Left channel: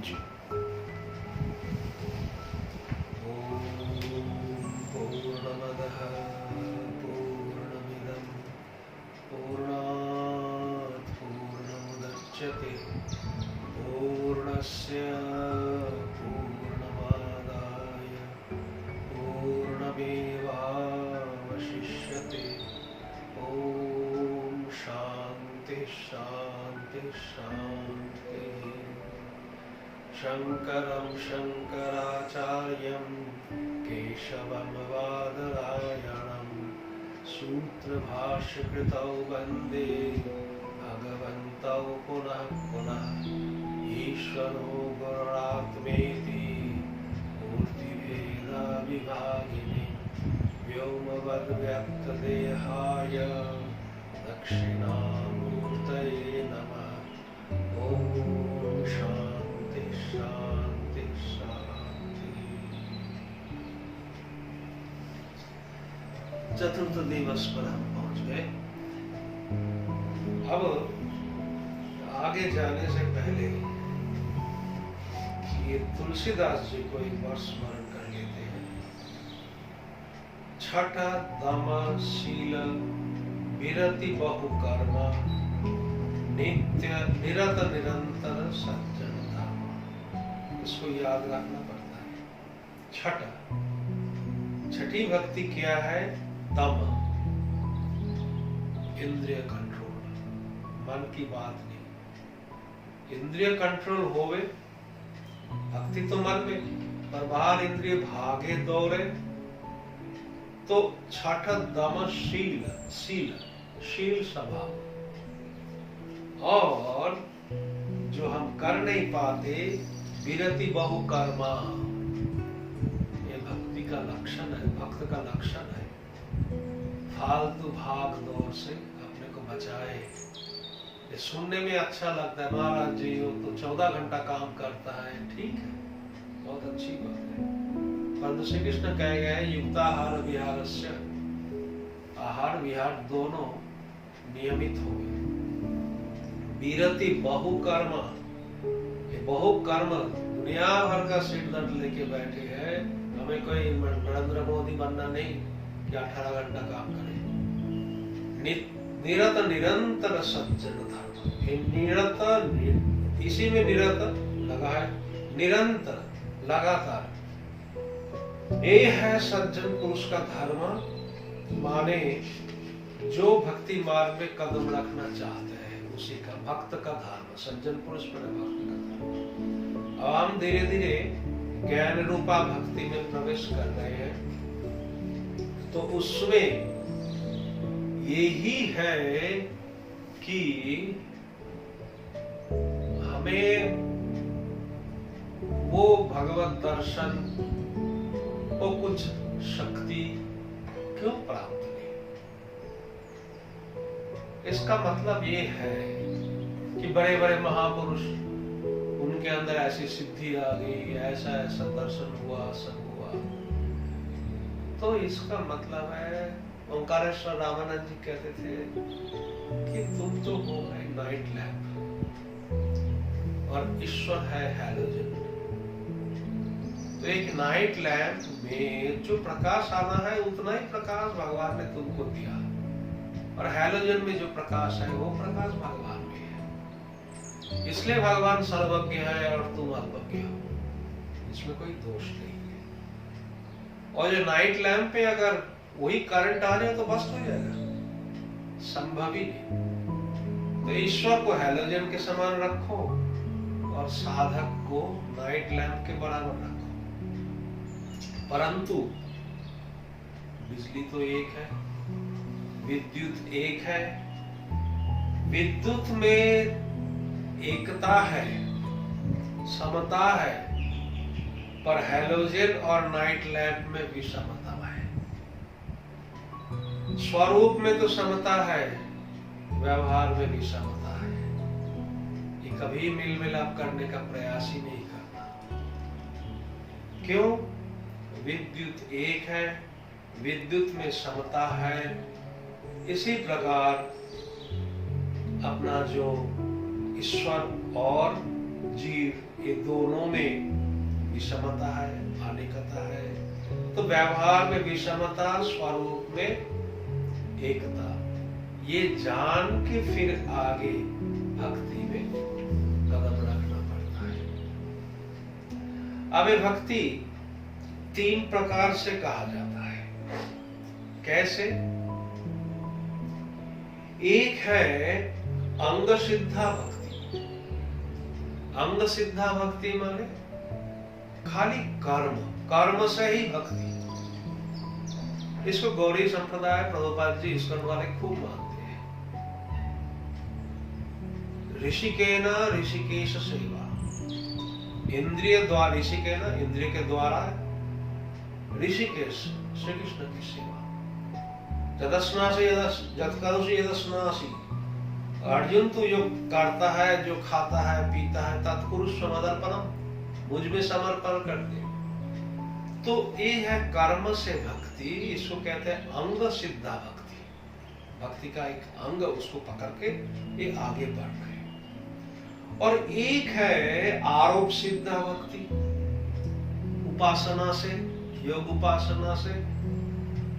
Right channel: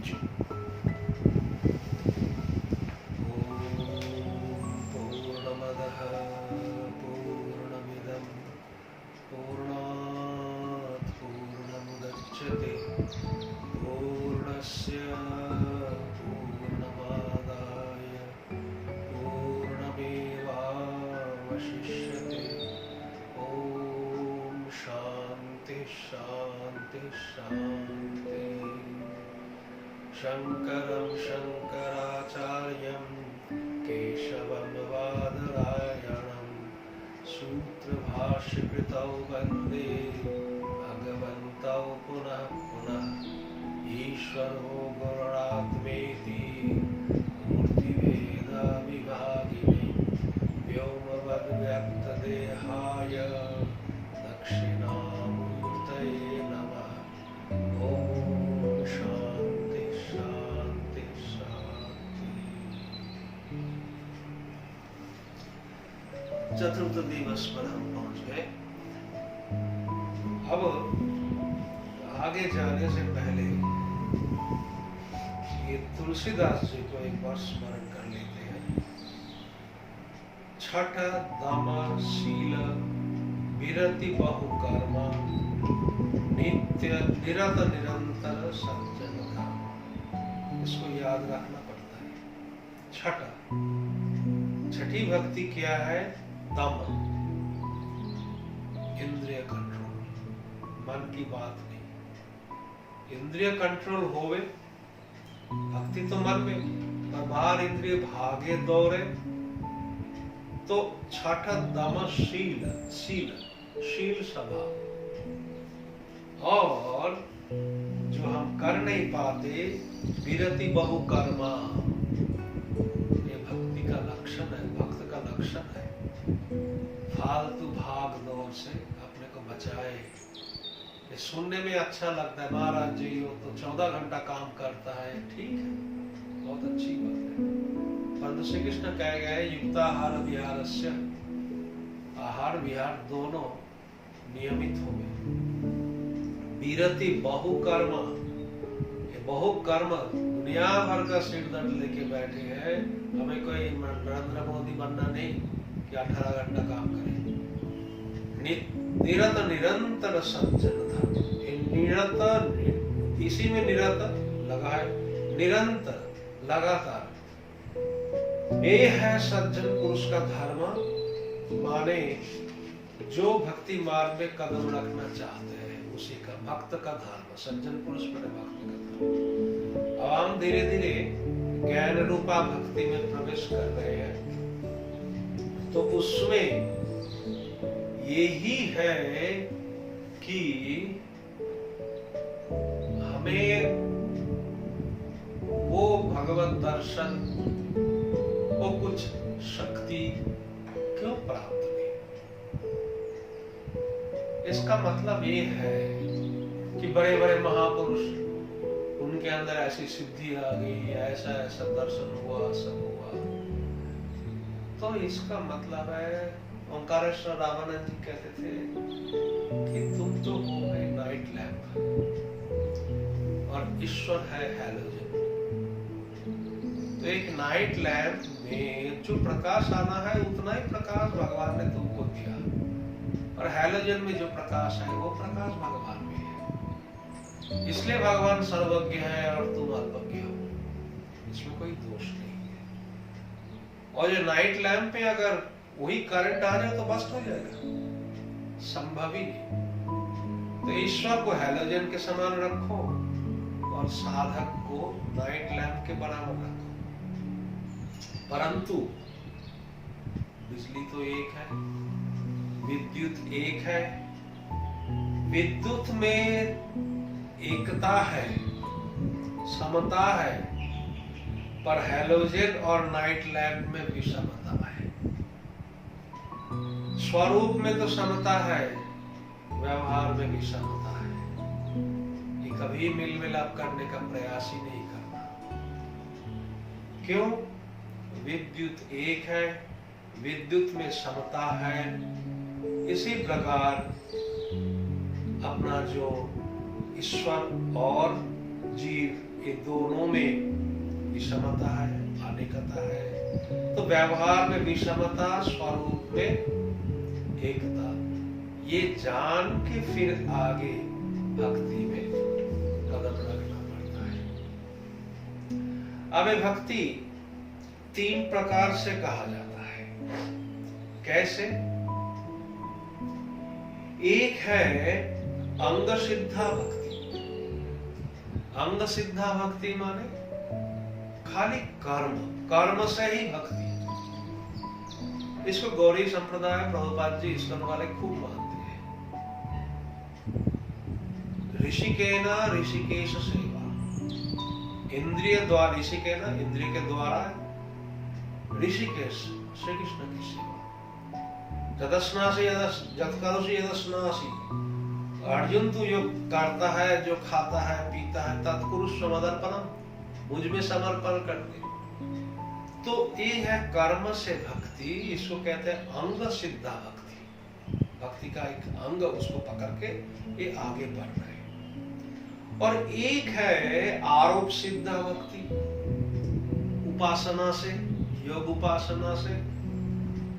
जी। पूर्णमदः पूर्णमिदं पूर्णात् पूर्णमुदच्यते पूर्णस्य पूर्णमादाय पूर्णमेवावशिष्यते। ॐ शान्ति शान्ति शान्ति। शङ्करं शङ्कराचार्यं केशवं बादरायणं सूत्रभाष्यकृतौ वन्दे भगवन्तौ पुनः पुनः। ईश्वरो गुरुरात्मेति मूर्तिभेदविभागिने व्योमवद्व्यक्तदेहाय दक्षिणामूर्तये नमः। ॐ शान्ति शान्ति शान्ति। चतुर्थ दिवस पर हम पहुंच गए। अब आगे जाने से पहले ये तुलसीदास जी को एक बार स्मरण कर लेते हैं। छठ दम शील विरति बहु कर्म नित्य निरत निरंतर सज्जन धर्म। इसको याद रखना पड़ता है। छठ, छठी भक्ति क्या है? दम, इंद्रिय कंट्रोल, मन की बात नहीं। इंद्रिय कंट्रोल होवे भक्ति तो मन में, पर बाहर इंद्रिय भागे दौड़े तो छठ दम शील, शील शील स्वभाव। और जो हम कर नहीं पाते विरति बहु कर्मा, ये भक्ति का लक्षण है, भक्त का लक्षण है। फालतू भाग दौड़ से अपने को बचाए। ये सुनने में अच्छा लगता है, महाराज जी वो तो 14 घंटा काम करता है, ठीक है, बहुत अच्छी बात है। परंतु श्री कृष्ण कह गए युक्ताहार विहारस्य, आहार विहार दोनों नियमित हो गए। विरति बहु कर्म, ये बहु कर्म दुनिया भर का सिर दर्द लेके बैठे हैं। हमें कोई नरेंद्र मोदी बनना नहीं कि 18 घंटा काम करें। निरत निरंतर सज्जन धर्म, निरत, इसी में निरत लगा है, निरंतर लगातार। ये है सज्जन पुरुष का धर्म, माने जो भक्ति मार्ग में कदम रखना चाहते हैं उसी का, भक्त का धर्म। सज्जन पुरुष पर भक्त का धर्म। अब हम धीरे धीरे ज्ञान रूपा भक्ति में प्रवेश कर रहे हैं, तो उसमें यही है कि हमें वो भगवत दर्शन, वो कुछ शक्ति क्यों प्राप्त नहीं। इसका मतलब ये है कि बड़े बड़े महापुरुष, उनके अंदर ऐसी सिद्धि आ गई, ऐसा ऐसा दर्शन हुआ, सब हुआ। तो इसका मतलब है, ओंकारेश्वर रामानंद जी कहते थे कि तुम तो हो है नाइट लैंप और ईश्वर है हैलोजन। तो एक नाइट लैंप में जो प्रकाश आना है उतना ही प्रकाश भगवान ने तुमको दिया, और हैलोजन में जो प्रकाश है वो प्रकाश भगवान में है। इसलिए भगवान सर्वज्ञ है और तुम अल्पज्ञ हो, इसमें कोई दोष नहीं है। और जो नाइट लैंप पे अगर वही करंट आ जाए तो बस्ट हो जाएगा, संभव ही नहीं। तो ईश्वर को हैलोजन के समान रखो और साधक को नाइट लैंप के बराबर रखो। परंतु बिजली तो एक है, विद्युत एक है, विद्युत में एकता है, समता है, पर हैलोजन और नाइट लैंप में विषमता है। स्वरूप में तो समता है, व्यवहार में विषमता है। ये कभी मिल मिलाप करने का प्रयास ही नहीं करना। क्यों? विद्युत एक है, विद्युत में समता है। इसी प्रकार अपना जो ईश्वर और जीव ये दोनों में विषमता है, अनेकता है। तो व्यवहार में विषमता, स्वरूप में एकता, ये जान के फिर आगे भक्ति में कदम रखना पड़ता है। अब भक्ति 3 प्रकार से कहा जाता है। कैसे? एक है अंग सिद्धा भक्ति। अंग सिद्धा भक्ति माने खाली कर्म से ही भक्ति। इसको गौरी संप्रदाय, प्रभुपाद जी, इस्कॉन वाले खूब मानते हैं। ऋषिकेन ऋषिकेश सेवा, इंद्रिय द्वारा, ऋषिकेन इंद्रिय के द्वारा ऋषिकेश श्री कृष्ण की सेवा। यदस्नासि यदकरोषि यदस्नासि, अर्जुन तू जो करता है, जो खाता है, पीता है, तत्कुरुष्व मदर्पणम, मुझ में समर्पण कर दे। तो ये है कर्म से भक्ति। इसको कहते हैं अंग सिद्धा भक्ति। भक्ति का एक अंग उसको पकड़ के ये आगे बढ़ रहे। और एक है आरोप सिद्धा भक्ति, उपासना से, योग उपासना से।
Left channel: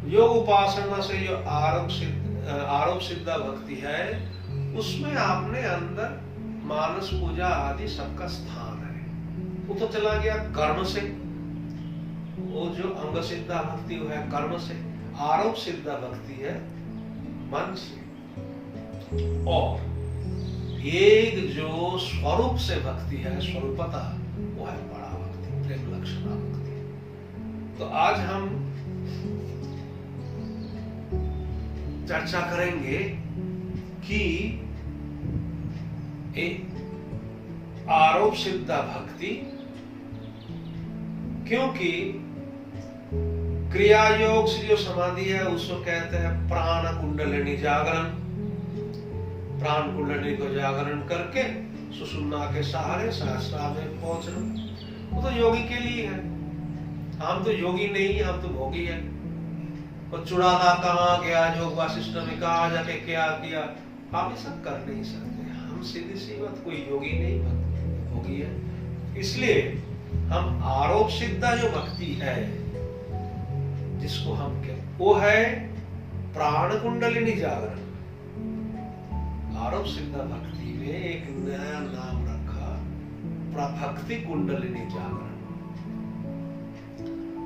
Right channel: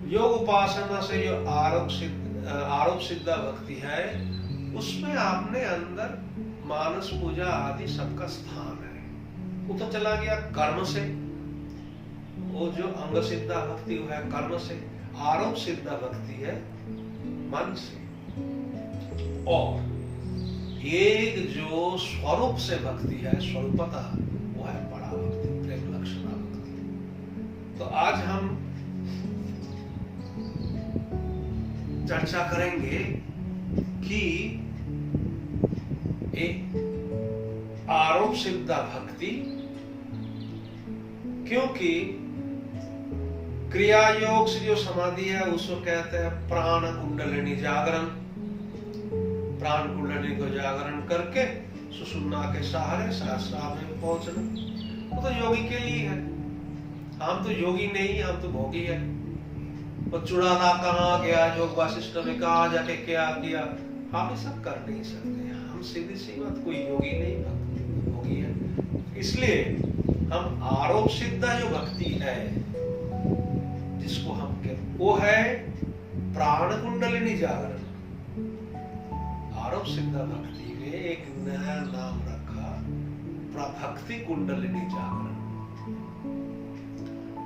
योग उपासना से जो आरोप सिद्धा भक्ति है, उसमें आपने अंदर मानस पूजा आदि सबका स्थान है। वो तो चला गया कर्म से। वो जो अंग सिद्धा भक्ति है कर्म से, आरोप सिद्धा भक्ति है मन से। और एक जो स्वरूप से भक्ति है, स्वरूपता, वो है बड़ा भक्ति, प्रेम लक्षणा भक्ति। तो आज हम चर्चा करेंगे कि आरोप सिद्धा भक्ति, क्योंकि क्रिया योग से जो समाधि है उसको कहते हैं प्राण कुंडलिनी जागरण। प्राण कुंडलिनी को जागरण करके सुषुम्ना के सहारे सहस्रार में पहुंचना, वो तो योगी के लिए है। हम तो योगी नहीं, हम तो भोगी है। और चुड़ाना कहाँ गया, योग वासिष्ठ ने कहा जाके क्या किया, हम ये सब कर नहीं सकते। हम सीधी सी बात, कोई योगी नहीं, भोगी है। इसलिए हम आरोप सिद्धा जो भक्ति है, जिसको हम कहते, वो है प्राण कुंडलिनी जागरण। आरोप सिद्धा भक्ति में एक नया नाम रखा, प्रभक्ति कुंडलिनी जागरण।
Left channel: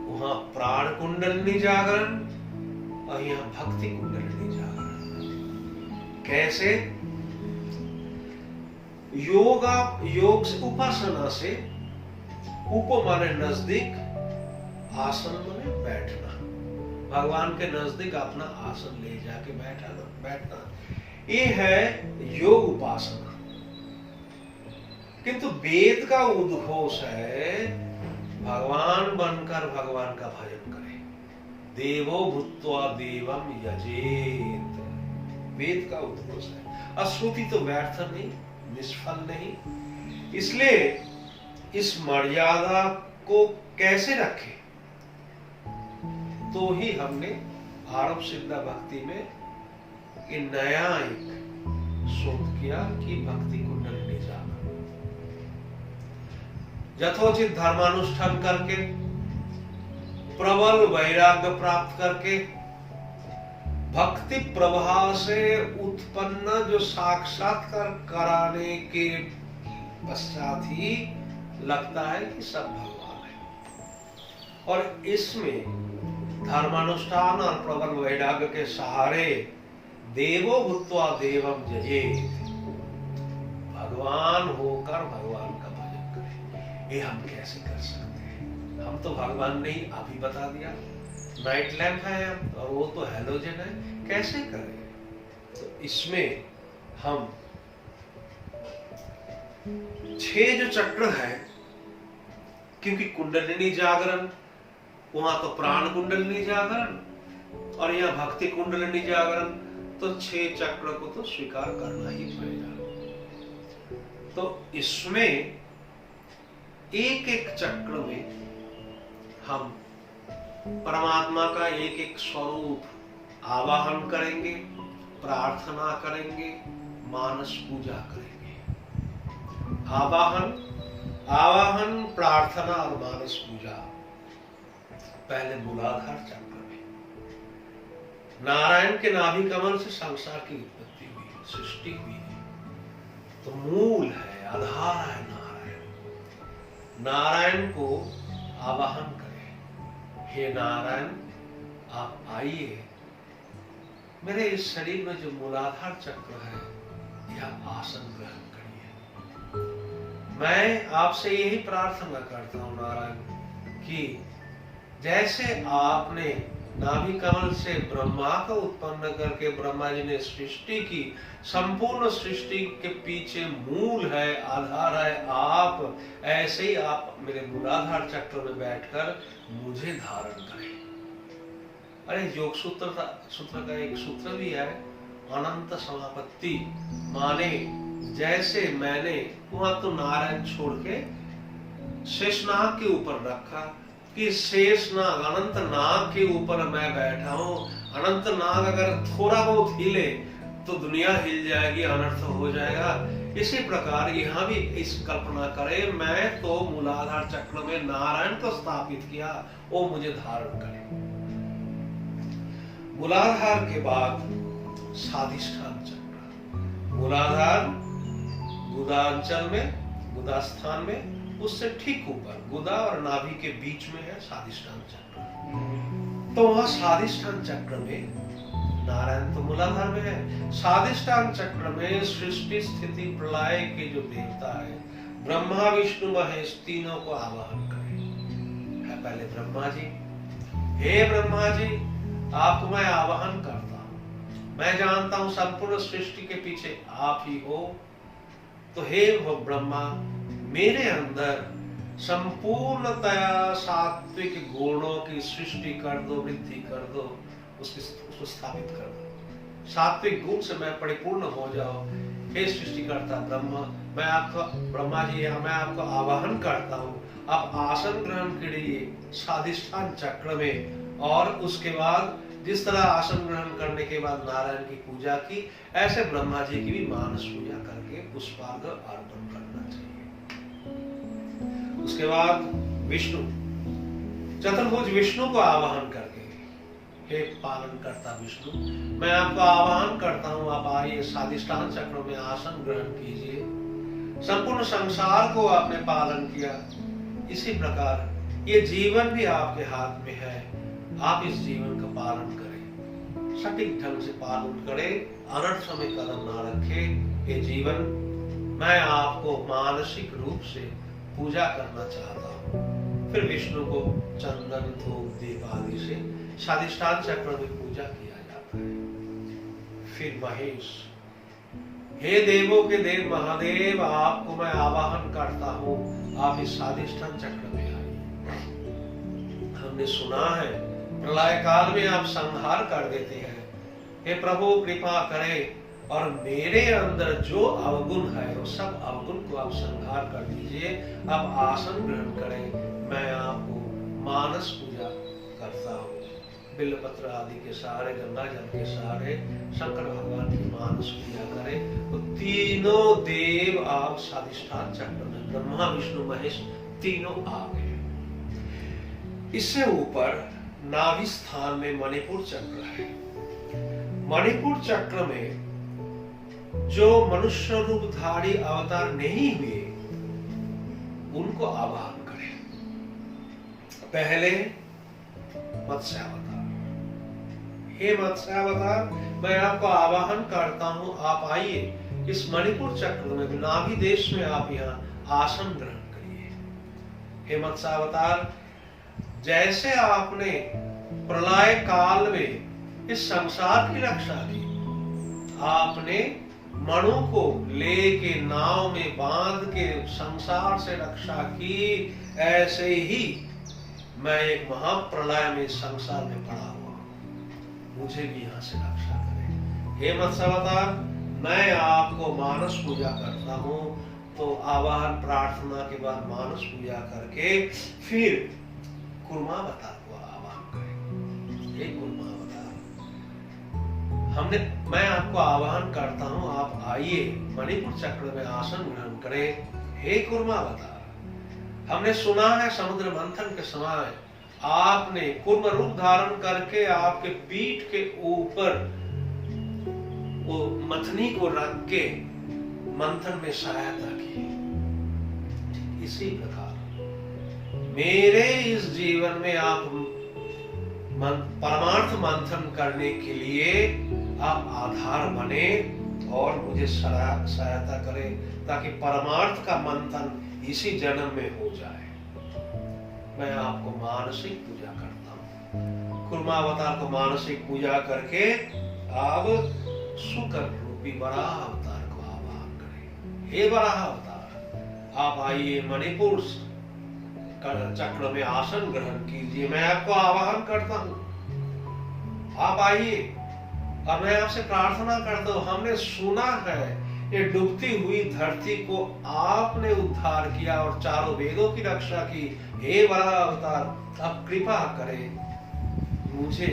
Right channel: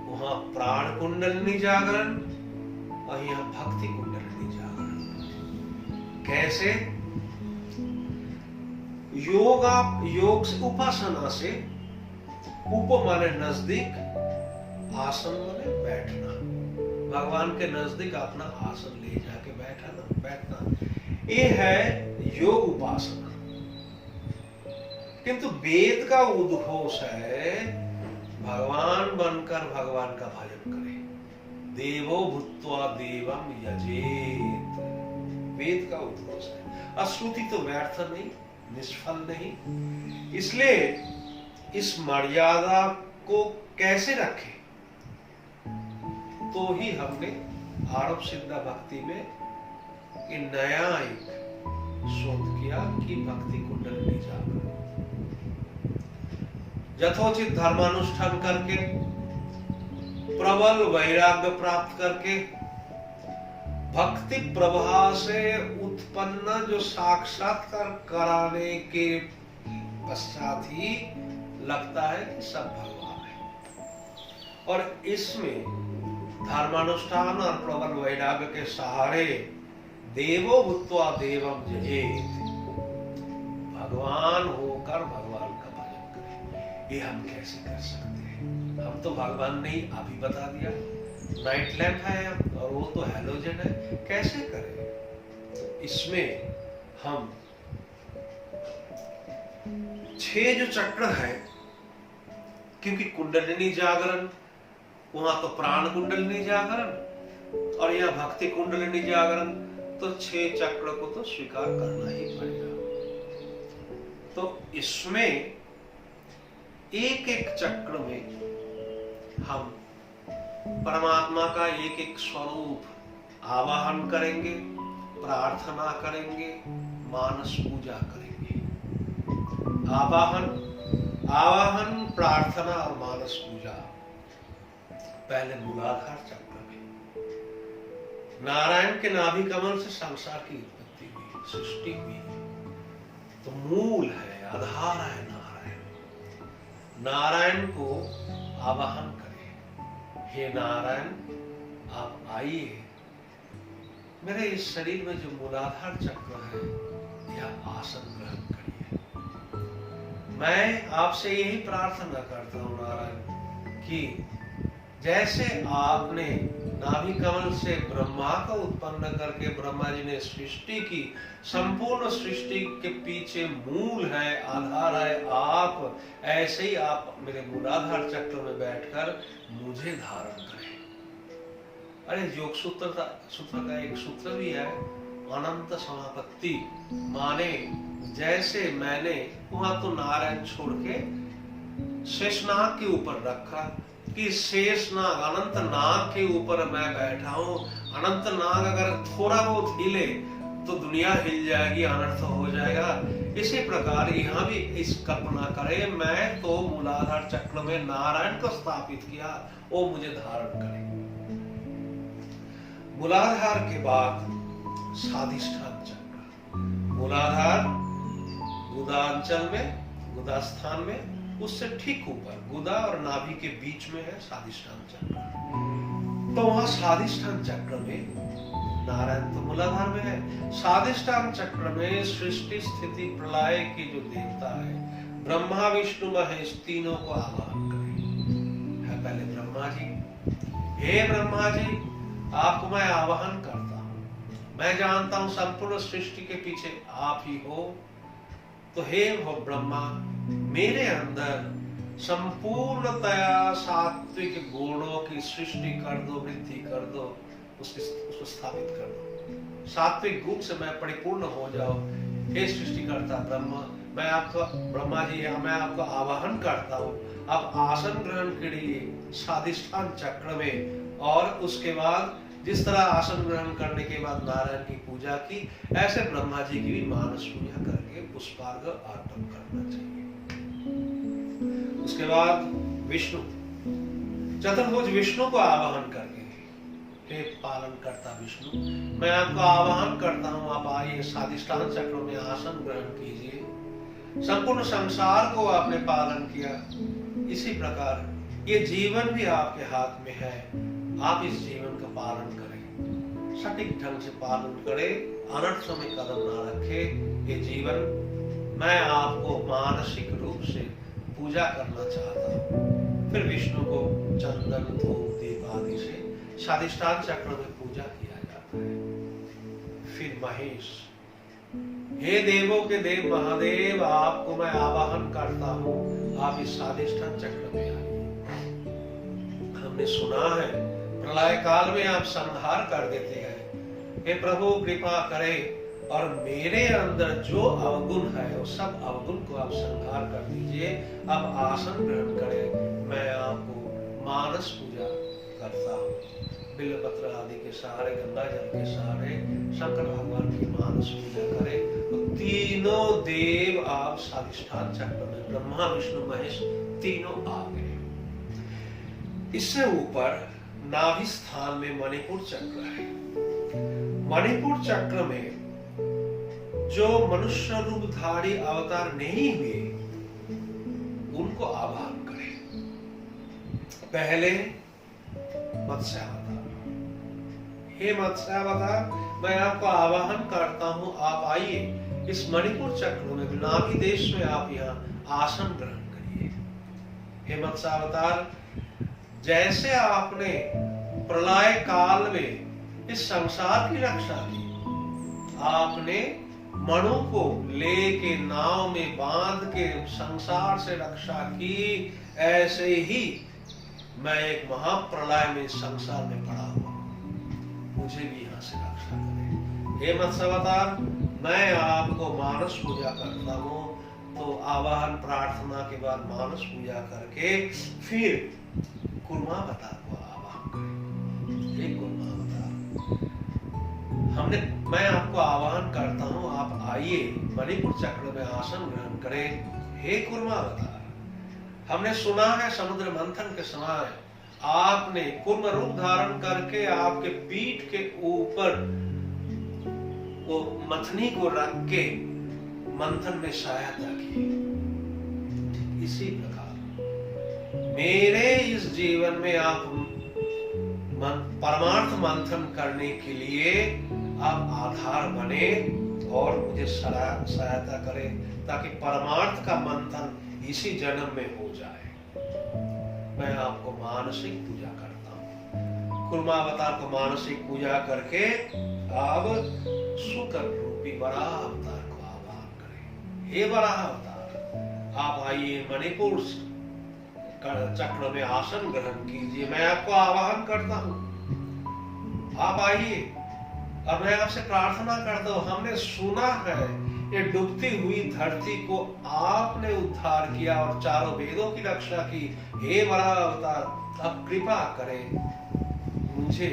वहां प्राण कुंडलिनी जागरण और यहाँ भक्ति कुंडलिनी जागरण। कैसे? योग से, उपासना से, उप माने नजदीक, आसन माने बैठना, भगवान के नजदीक अपना आसन ले जाके बैठना, ये है योग उपासना। किंतु वेद का उद्घोष है भगवान बनकर भगवान का भजन करे। देवो भूत्वा देवम यजेत, वेद का उद्घोष है। श्रुति तो व्यर्थ नहीं, निष्फल नहीं। इसलिए इस मर्यादा को कैसे रखें, तो ही हमने आरोप सिद्धा भक्ति में ये नया एक शोध किया कि भक्ति कुंडलिनी जागरण। यथोचित धर्मानुष्ठान करके, प्रबल वैराग्य प्राप्त करके, भक्ति प्रवाह से उत्पन्न जो साक्षात्कार कराने के पश्चात ही लगता है कि सब भगवान है। और इसमें धर्मानुष्ठान और प्रबल वैराग्य के सहारे देवो भूत्वा देवम जयेत, भगवान होकर भगवान का भजन करें। ये हम कैसे कर सकते हैं? हम तो भगवान नहीं, अभी बता दिया, नाइट लैंप है और वो तो हैलोजन है, कैसे करें? तो इसमें हम 6 जो चक्र है, क्योंकि कुंडलिनी जागरण, वहां तो प्राण कुंडलिनी जागरण और यहाँ भक्ति कुंडलिनी जागरण, तो 6 चक्र को तो स्वीकार करना ही पड़ेगा। तो इसमें एक एक चक्र में हम परमात्मा का एक एक स्वरूप आवाहन करेंगे, प्रार्थना करेंगे, मानस पूजा करेंगे। आवाहन, प्रार्थना और मानस पूजा। पहले मूलाधार चक्र में नारायण के नाभि कमल से संसार की उत्पत्ति हुई, सृष्टि हुई। तो मूल है, आधार है नारायण। नारायण को आवाहन करें, हे नारायण आप आइए, मेरे इस शरीर में जो मूलाधार चक्र है यह आसन ग्रहण करिए। मैं आपसे यही प्रार्थना करता हूं नारायण कि जैसे आपने नाभि कमल से ब्रह्मा को उत्पन्न करके ब्रह्मा जी ने सृष्टि की, संपूर्ण सृष्टि के पीछे मूल है, आधार है आप, ऐसे ही आप मेरे मूलाधार चक्र में बैठकर मुझे धारण करें। अरे योग सूत्र का एक सूत्र भी है, अनंत समापत्ति, माने जैसे मैंने वहां तो नारायण छोड़ के शेषनाग के ऊपर रखा कि शेषनाग अनंत नाग के ऊपर मैं बैठा हूं। अनंत नाग अगर थोड़ा बहुत हिले तो दुनिया हिल जाएगी, अनर्थ हो जाएगा। इसी प्रकार यहाँ भी इस कल्पना करे, मैं तो मूलाधार चक्र में नारायण को स्थापित किया, वो मुझे धारण करे। मूलाधार के बाद स्वाधिष्ठान चक्र, मूलाधार गुदांचल में, गुदास्थान में, उससे ठीक ऊपर गुदा और नाभि के बीच में है स्वाधिष्ठान चक्र। तो वहां स्वाधिष्ठान चक्र में नारायण तो मूलाधार में है। स्वाधिष्ठान चक्र में सृष्टि स्थिति प्रलय के जो देवता है ब्रह्मा विष्णु महेश, तीनों को आवाहन करें। है पहले ब्रह्मा जी, हे ब्रह्मा जी आपको मैं आवाहन करता हूं, मैं जानता हूं संपूर्ण सृष्टि के पीछे आप ही हो। तो हे ब्रह्मा मेरे अंदर संपूर्णतया सात्विक गुणों की सृष्टि कर दो, वृद्धि कर दो, उसको स्थापित कर दो। सात्विक गुण से मैं परिपूर्ण हो जाओ। हे सृष्टिकर्ता ब्रह्मा जी मैं आपको आवाहन करता हूँ, आप आसन ग्रहण करिए स्वाधिष्ठान चक्र में। और उसके बाद जिस तरह आसन ग्रहण करने के बाद नारायण की पूजा की, ऐसे ब्रह्मा जी की भी मानस पूजा करके पुष्पार्घ्य अर्पण करना चाहिए। उसके बाद विष्णु, चतुर्भुज विष्णु को आवाहन करके, हे पालन करता विष्णु मैं आपको आवाहन करता हूं, आप आइए स्वाधिष्ठान चक्र में आसन ग्रहण कीजिए। संपूर्ण संसार को आपने पालन किया, इसी प्रकार ये जीवन भी आपके हाथ में है, आप इस जीवन का पालन करें, सटीक ढंग से पालन करें, अनर्थ में कदम ना रखे। ये जीवन मैं आपको मानसिक रूप से पूजा करना चाहता हूँ। फिर विष्णु को चंदन धूप दीप आदि से स्वाधिष्ठान चक्र में पूजा किया जाता है। फिर महेश, हे देवों के देव महादेव आपको मैं आवाहन करता हूँ, आप इस स्वाधिष्ठान चक्र में आइए। हमने सुना है प्रलय काल में आप संहार कर देते हैं, हे प्रभु कृपा करें और मेरे अंदर जो अवगुण है वो सब अवगुण को आप संहार कर दीजिए। अब आसन ग्रहण करें, मैं आपको मानस पूजा करता हूँ। बिल्वपत्र आदि के सहारे, गंगा जल के सहारे शंकर भगवान की मानस पूजा करें। तो तीनों देव आप स्वाधिष्ठान चक्र में, ब्रह्मा विष्णु महेश तीनों आ गए। इससे ऊपर नाभि स्थान में मणिपुर चक्र है। मणिपुर चक्र में जो मनुष्य रूपधारी अवतार नहीं हुए उनको आवाहन करें। पहले मत्स्य अवतार, हे मत्स्य अवतार मैं आपको आवाहन करता हूं, आप आइए इस मणिपुर चक्र में, नाभि देश में आप यहाँ आसन ग्रहण करिए। हे मत्स्य अवतार जैसे आपने प्रलय काल में इस संसार की रक्षा की, आपने मणु को लेके नाव में बांध के संसार से रक्षा की, ऐसे ही मैं एक महाप्रलय में संसार में पड़ा हुआ, मुझे भी यहाँ से रक्षा करें। हे मत्स्य अवतार मैं आपको मानस पूजा करता हूँ। तो आवाहन प्रार्थना के बाद मानस पूजा करके फिर कुर्मावतार को आवाहन करें। हे कुर्मावतार मैं आपको आवाहन करता हूँ, आप आइए मणिपुर चक्र में आसन ग्रहण करें। हे कुर्मावतार, हमने सुना है समुद्र मंथन के समय आपने कुर्म रूप धारण करके आपके पीठ के ऊपर वो मथनी को रख के मंथन में सहायता की। इसी प्रकार मेरे इस जीवन में आप परमार्थ मंथन करने के लिए आप आधार बने और मुझे सहायता करें, ताकि परमार्थ का मंथन इसी जन्म में हो जाए। मैं आपको मानसिक पूजा करता हूँ। कुर्मावतार को मानसिक पूजा करके आप शुक्र रूपी वराह अवतार को आवाहन करें। हे वराह अवतार, आप आइए, मणिपुर चक्र में आसन ग्रहण कीजिए। मैं आपको आवाहन करता हूँ, आप आइए। और मैं आपसे प्रार्थना करता हूँ, हमने सुना है ये डूबती हुई धरती को आपने उद्धार किया और चारों वेदों की रक्षा की। हे वराह अवतार, आप कृपा करें, मुझे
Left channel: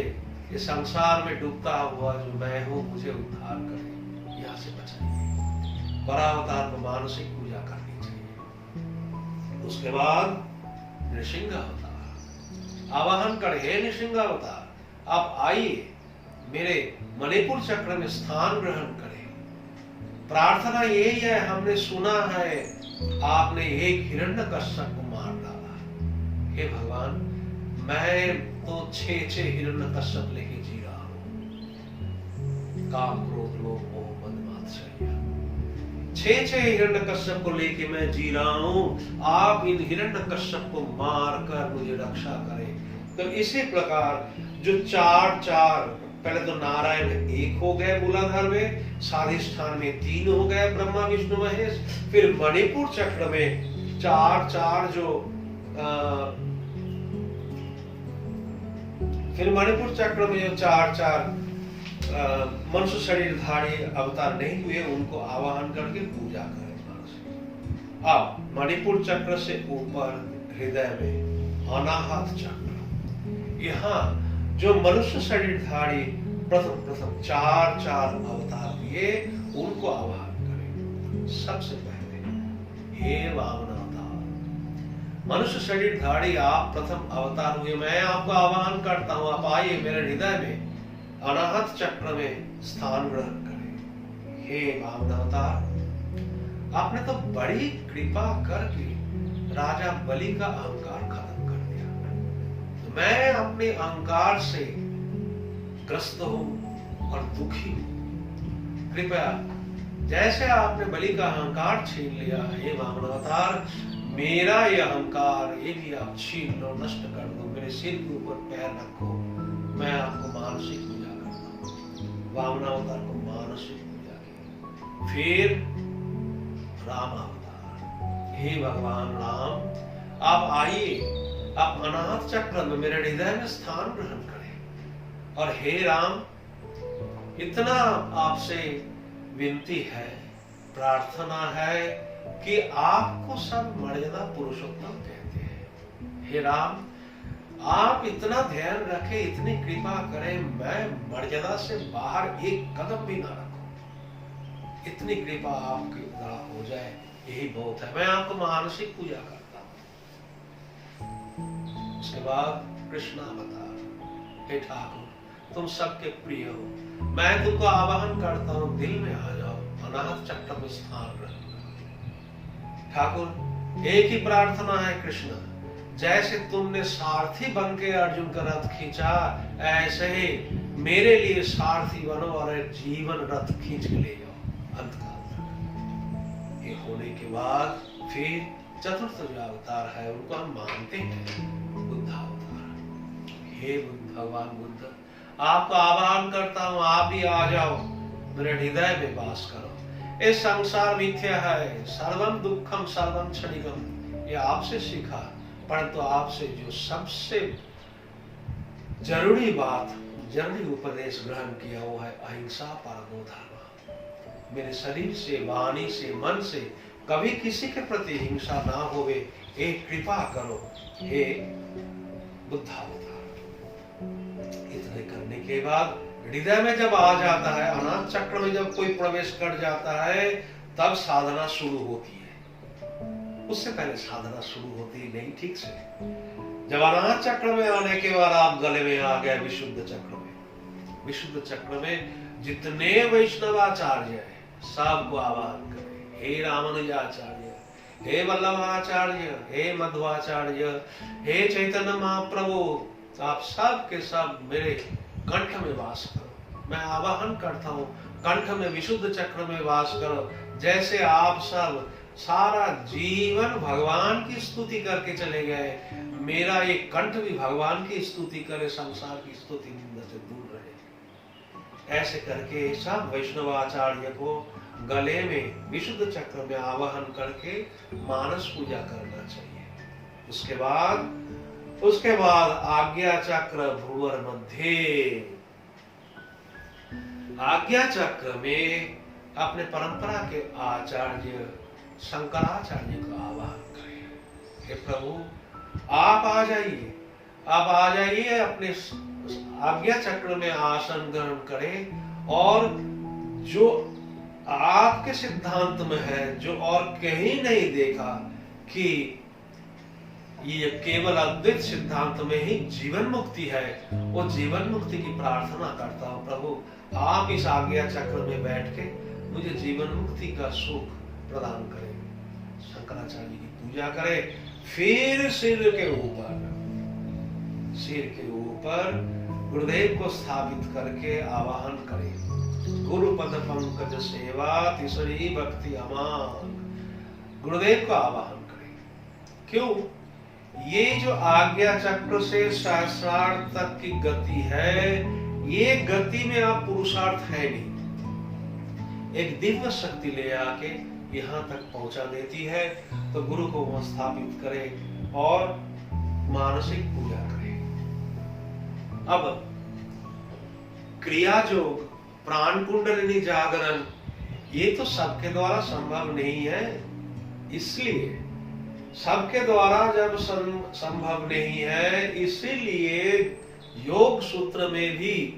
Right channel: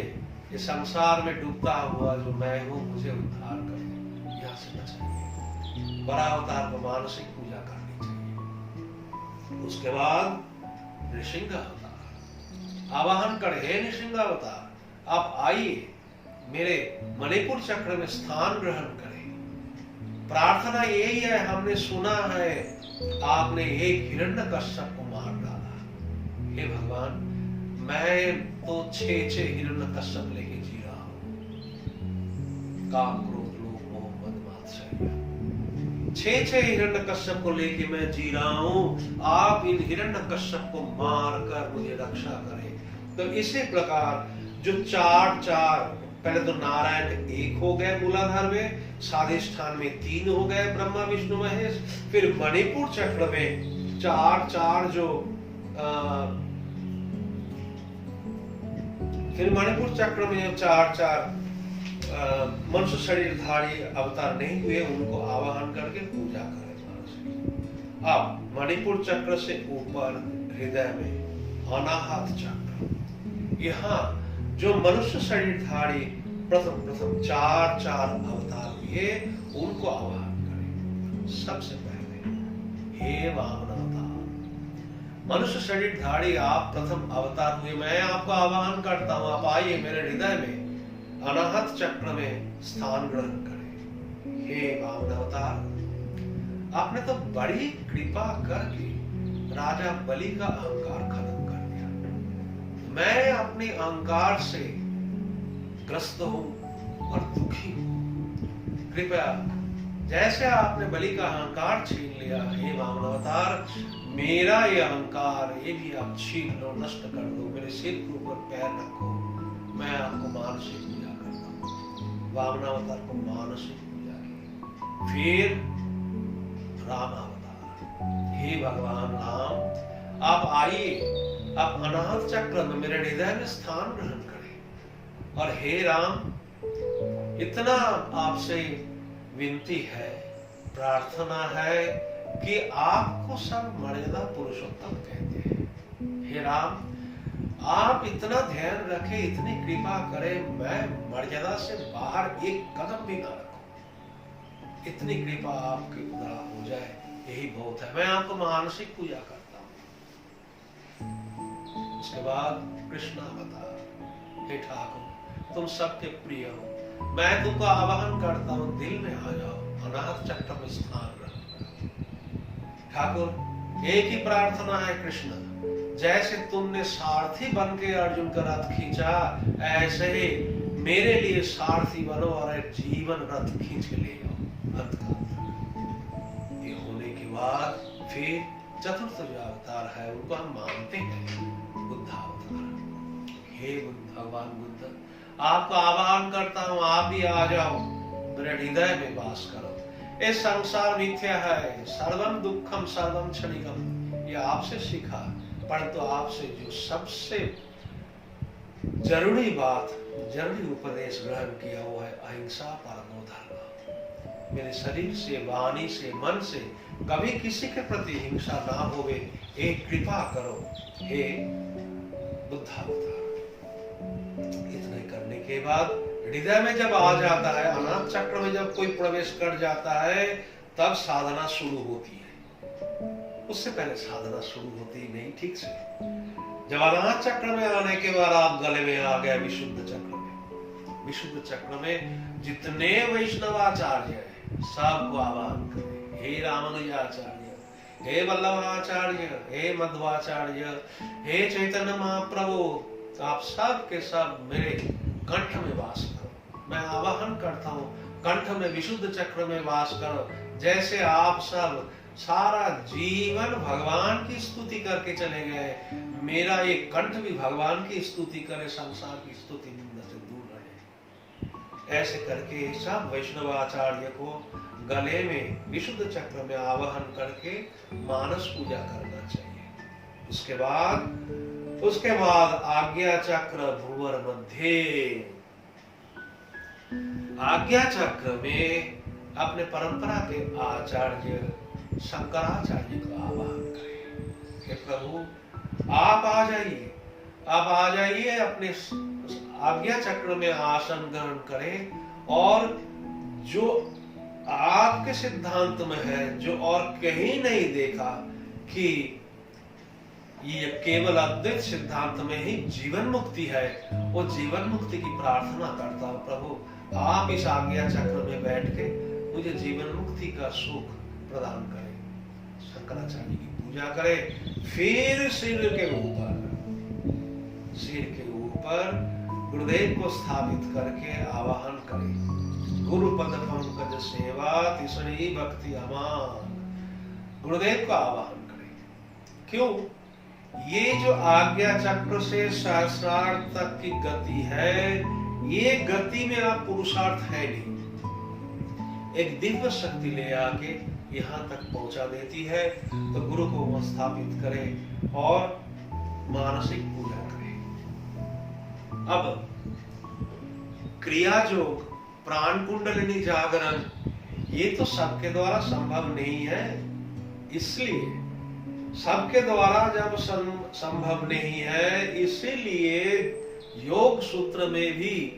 ये संसार में डूबता हुआ जो मैं हूँ, मुझे उद्धार करें, यहाँ से बचाइए। वराह अवतार को मानसिक पूजा करनी चाहिए। उसके बाद नृसिंह अवतार आवाहन करें। हे नृसिंह अवतार, आप आइए, मेरे मणिपुर चक्र में स्थान ग्रहण करें। प्रार्थना यही है, हमने सुना है आपने एक हिरण्यकश्यप को मार डाला। हे भगवान, मैं तो 6 हिरण्यकश्यप लेके जी रहा हूं। काम, क्रोध, लोभ, मोह, मद, मात्सर्य, 6 हिरण्यकश्यप को लेके मैं जी रहा हूं। आप इन हिरण्यकश्यप को मार कर मुझे रक्षा करें। तो इसी प्रकार जो 4 पहले तो नारायण 1 हो गए मूलाधार में, स्वाधिष्ठान में 3 हो गए ब्रह्मा विष्णु महेश, फिर मणिपुर चक्र में 4 जो फिर मणिपुर चक्र में जो 4 मनुष्य शरीरधारी अवतार नहीं हुए, उनको आवाहन करके पूजा करें। अब मणिपुर चक्र से ऊपर हृदय में अनाहत चक्र, यहाँ जो मनुष्य शरीरधारी प्रथम 4 अवतार हुए, उनको आवाहन करें। सबसे पहले हे वामन अवतार, मनुष्य शरीरधारी आप प्रथम अवतार हुए, मैं आपको आवाहन करता हूं, आप आइए मेरे हृदय में अनाहत चक्र में स्थान ग्रहण करें। हे वामन अवतार, आपने तो बड़ी कृपा करके राजा बलि का अहंकार खत्म कर दिया। मैं अपने अहंकार से ग्रस्त हूं और दुखी हूं। कृपया जैसे आपने बलि का अहंकार छीन लिया, हे वामन अवतार, मेरा ये अहंकार ये भी आप छीन लो, नष्ट कर दो। मेरे सिर के ऊपर पैर रखो, मैं आपको मानसिक पूजा करता हूँ। वामन अवतार को मानसिक पूजा की। फिर राम अवतार, हे भगवान राम, आप आइए, आप अनाहत चक्र में मेरे हृदय में स्थान ग्रहण करें। और हे राम, इतना आपसे विनती है, प्रार्थना है कि आपको सब मर्यादा पुरुषोत्तम कहते हैं। हे राम, आप इतना ध्यान रखें, इतनी कृपा करें, मैं मर्यादा से बाहर एक कदम भी ना रखूं। इतनी कृपा आपके द्वारा हो जाए, यही बहुत है। मैं आपको मानसिक पूजा करता हूं। उसके बाद कृष्ण अवतार, हे ठाकुर, तुम सबके प्रिय हो, मैं तुमको आवाहन करता हूं, दिल में आ जाओ, अनाहत चक्र में स्थान ग्रहण करो। ठाकुर, एक ही प्रार्थना है कृष्ण, जैसे तुमने सारथी बन के अर्जुन का रथ खींचा, ऐसे ही मेरे लिए सारथी बनो और एक जीवन रथ खींच के ले जाओ अंत काल तक। ये होने के बाद फिर चतुर्थ जो अवतार है उनको हम मानते हैं, बुद्ध अवतार। हे बुद्ध, भगवान बुद्ध, आपको आह्वान करता हूं, आप भी आ जाओ, मेरे हृदय में वास करो। ये संसार मिथ्या है, सर्वम दुखम सर्वम क्षणिकम, ये आपसे सीखा, परंतु आपसे जो सबसे जरूरी बात, जरूरी उपदेश ग्रहण किया वो है अहिंसा परमो धर्म। मेरे शरीर से, वाणी से, मन से कभी किसी के प्रति हिंसा ना होवे, एक कृपा करो हे बुद्ध अवतार। इतने करने के बाद हृदय में जब आ जाता है, अनाहत चक्र में जब कोई प्रवेश कर जाता है, तब साधना शुरू होती है। उससे पहले साधना शुरू होती नहीं ठीक से। जब अनाहत चक्र में आने के बाद आप गले में आ गए विशुद्ध चक्र में। विशुद्ध चक्र में जितने वैष्णवाचार्य हैं सबको आह्वान करें, हे रामानुजाचार्य, हे वल्लभाचार्य, हे मध्वाचार्य, हे चैतन्य महाप्रभु, आप सब के सब मेरे कंठ में वास करो। मैं आवाहन करता हूँ कंठ में विशुद्ध चक्र में वास करो। जैसे आप सब सारा जीवन भगवान की स्तुति करके चले गए, मेरा ये कंठ भी भगवान की स्तुति करे, संसार की स्तुति निंदा से दूर रहे। ऐसे करके सब वैष्णवाचार्य को गले में विशुद्ध चक्र में आवाहन करके मानस पूजा करना चाहिए। उसके बाद आज्ञा चक्र भ्रुवर मध्य। आज्ञा चक्र में अपने परंपरा के आचार्य शंकराचार्य को आह्वान करें, हे प्रभु आप आ जाइए, आप आ जाइए, अपने आज्ञा चक्र में आसन ग्रहण करें और जो आपके सिद्धांत में है, जो और कहीं नहीं देखा कि ये केवल अद्वैत सिद्धांत में ही जीवन मुक्ति है, वो जीवन मुक्ति की प्रार्थना करता हूँ प्रभु आप इस आज्ञा चक्र में बैठ के मुझे जीवन मुक्ति का सुख प्रदान करें। शंकराचार्य की पूजा करें, फिर सिर के ऊपर गुरुदेव को स्थापित करके आवाहन करें, गुरु पद पंकज सेवा तीसरी भक्ति अमान। गुरुदेव को आवाहन करें। क्यों? ये जो आज्ञा चक्र से सहस्रार्थ तक की गति है, ये गति में आप पुरुषार्थ है नहीं, एक दिव्य शक्ति ले आके यहाँ तक पहुंचा देती है। तो गुरु को वहां स्थापित करें और मानसिक पूजा करें। अब क्रिया योग, प्राण कुंडलिनी जागरण, ये तो सबके द्वारा संभव नहीं है। इसलिए सबके द्वारा जब संभव नहीं है, इसीलिए योग सूत्र में भी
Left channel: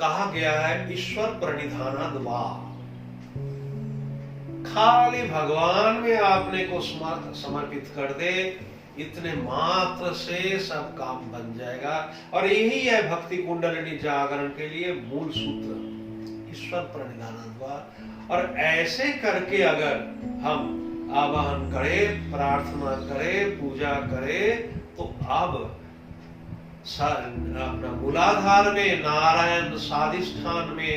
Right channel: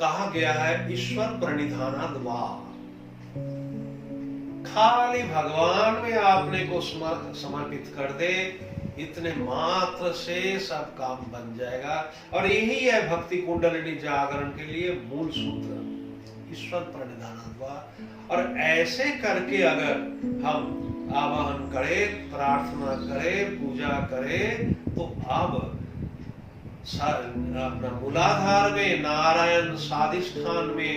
कहा गया है ईश्वर प्रणिधानाद वा। खाली भगवान में आपने को समर्पित कर दे, इतने मात्र से सब काम बन जाएगा। और यही है भक्ति कुंडलिनी जागरण के लिए मूल सूत्र, ईश्वर प्रणिधानाद वा। और ऐसे करके अगर हम आवाहन करें, प्रार्थना करें, पूजा करें, तो अब अपना मूलाधार में नारायण, स्वाधिष्ठान में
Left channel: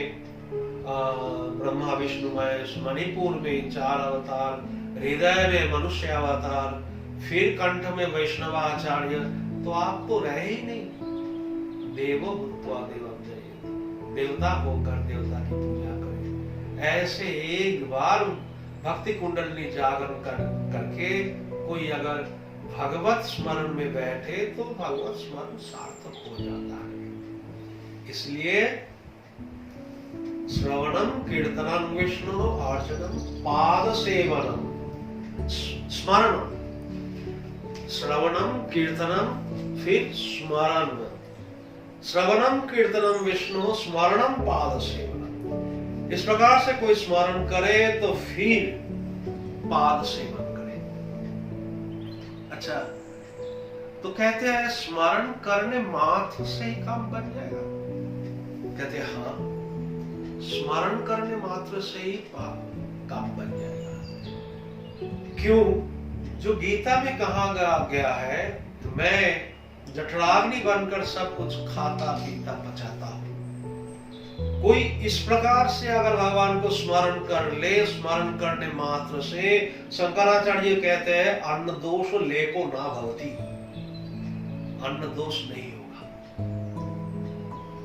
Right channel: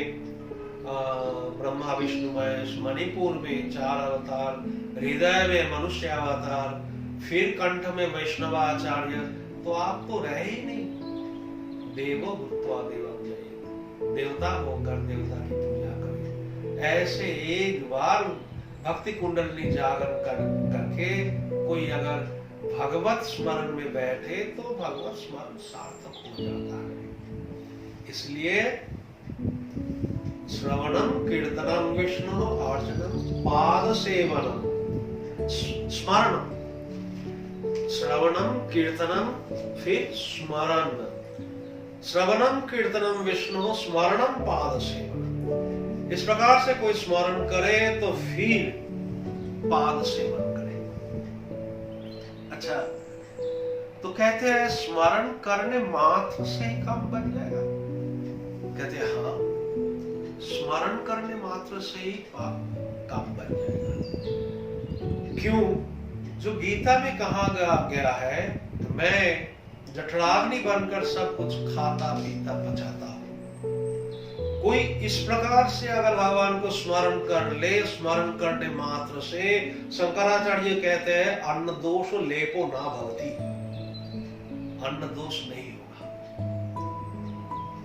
ब्रह्मा विष्णु महेश, मणिपुर में 4 अवतार, हृदय में मनुष्य अवतार, फिर कंठ में वैष्णवाचार्य, तो आप तो रहे ही नहीं। देवो भूत्वा देवं जयेत्, देवता होकर देवता की पूजा करें। ऐसे एक बार भक्ति कुंडलिनी जागरण करके कोई अगर भगवत स्मरण में बैठे तो भगवत स्मरण सार्थक हो जाता है। इसलिए श्रवणम कीर्तनम विष्णु अर्चनम पाद सेवनम, स्मरणम, श्रवणम कीर्तनम फिर स्मरण, श्रवणम कीर्तनम विष्णु स्मरणम पाद सेवनम। इस प्रकार से कोई स्मरण करे तो फिर पाद सेवन करे। अच्छा, तो कहते हैं स्मरण करने मात्र से ही काम बन जाएगा? कहते हैं हाँ, स्मरण करने मात्र से ही काम बन जाएगा। क्यों? जो गीता में कहा गया है, तो मैं जठराग्नि बनकर सब कुछ खाता पीता पचाता हूं। कोई इस प्रकार से अगर भगवान को स्मरण कर ले, स्मरण करने मात्र से, शंकराचार्य कहते हैं अन्न दोष लेपो ना भवति, अन्न दोष नहीं होगा।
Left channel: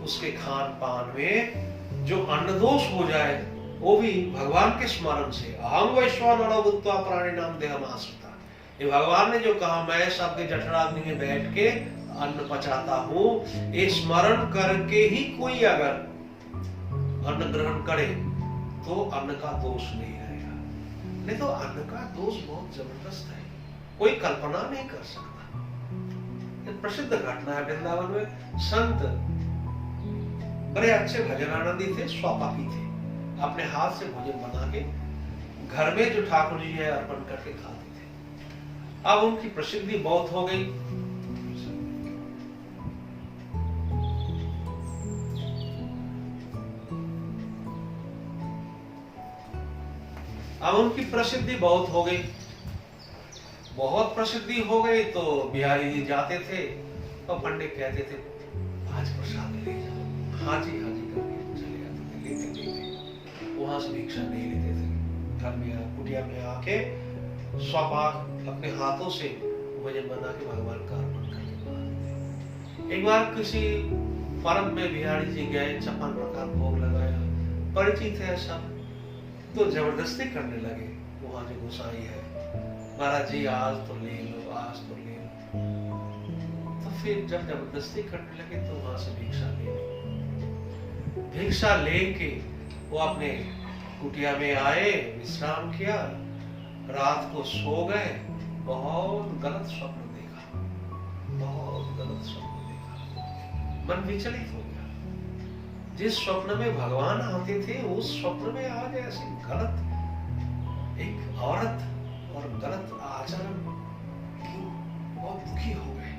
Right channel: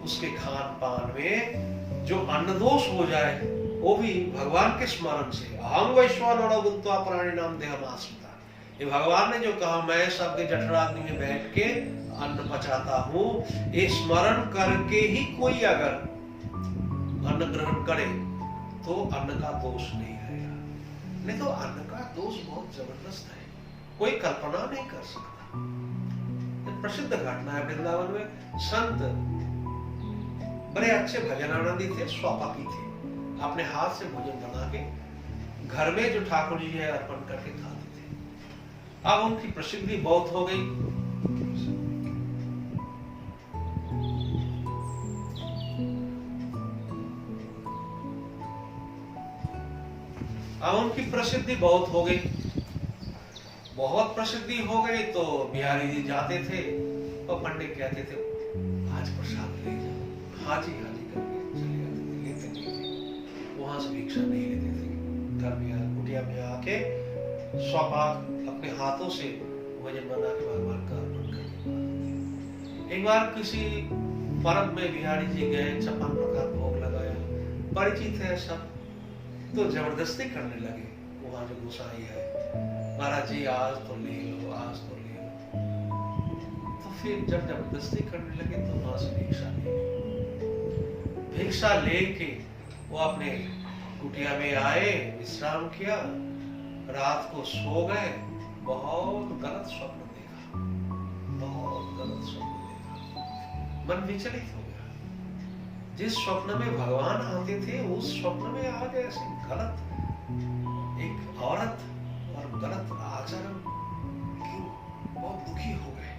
उसके खान पान में जो अन्न दोष हो जाए वो भी भगवान के स्मरण से। अहम वैश्वानरो भूत्वा प्राणिनां देहमाश्रिता, ये भगवान ने जो कहा मैं सबके जठराग्नि में बैठ के अन्न पचाता हूँ, ये स्मरण करके ही कोई अगर अन्न ग्रहण करे तो अन्न का दोष नहीं रहेगा। नहीं तो अन्न का दोष बहुत जबरदस्त है, कोई कल्पना नहीं कर सकता। एक प्रसिद्ध घटना है, वृंदावन में संत बड़े अच्छे भजन आनंदी थे, स्वापापी थे, अपने हाथ से भोजन बना के घर में जो ठाकुर जी है अर्पण करके खाते थे। अब उनकी प्रसिद्धि बहुत हो गई। अब उनकी प्रसिद्धि बहुत हो गई, बहुत प्रसिद्धि हो गई तो बिहारी जी जाते थे और पंडित कहते थे आज प्रसाद ले जाओ, हाँ जी करके चले जाते थे, लेते नहीं थे, वहां से भिक्षा नहीं लेते थे। घर में कुटिया में आके स्वपाक अपने हाथों से भोजन बना के भगवान का अर्पण करके। एक बार किसी पर्व में बिहारी जी गए, 56 प्रकार भोग लगाया, परिचित है सब, तो जबरदस्ती करने लगे। वहां जो गोसाई है, महाराज जी आज तो ले लो, आज तो ले लो। तो फिर जब जबरदस्ती करने लगे तो वहां से भिक्षा ले ली। भिक्षा लेके वो अपने कुटिया में आए, विश्राम किया, रात को सो गए। बहुत गलत स्वप्न देखा, बहुत गलत स्वप्न देखा, मन विचलित हो गया। जिस स्वप्न में भगवान आते थे उस स्वप्न में आज ऐसी गलत एक औरत और गलत आचरण क्यों? बहुत दुखी हो गए,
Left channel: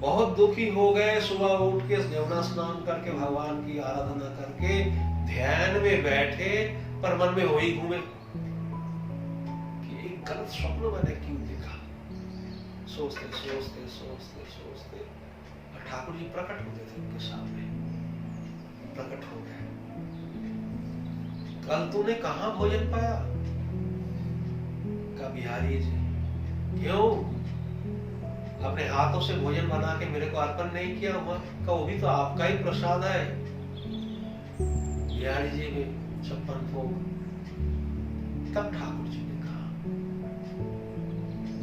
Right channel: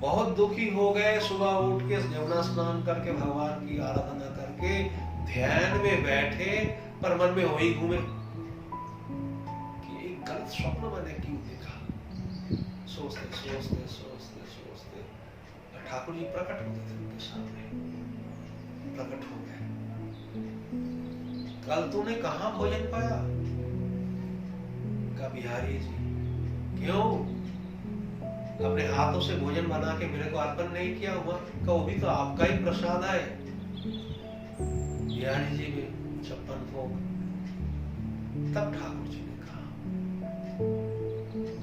बहुत दुखी हो गए। सुबह उठ के यमुना स्नान करके भगवान की आराधना करके ध्यान में बैठे, पर मन में वही घूमे कि एक गलत स्वप्न मैंने क्यों देखा। सोचते सोचते सोचते सोचते ठाकुर जी प्रकट होते थे उनके सामने, प्रकट हो गए। कल तूने कहां भोजन पाया? का बिहारी जी, क्यों अपने हाथों से भोजन बना के मेरे को अर्पण नहीं किया हुआ? का वो भी तो आपका ही प्रसाद है। बिहारी जी में 56 भोग। तब ठाकुर जी ने कहा,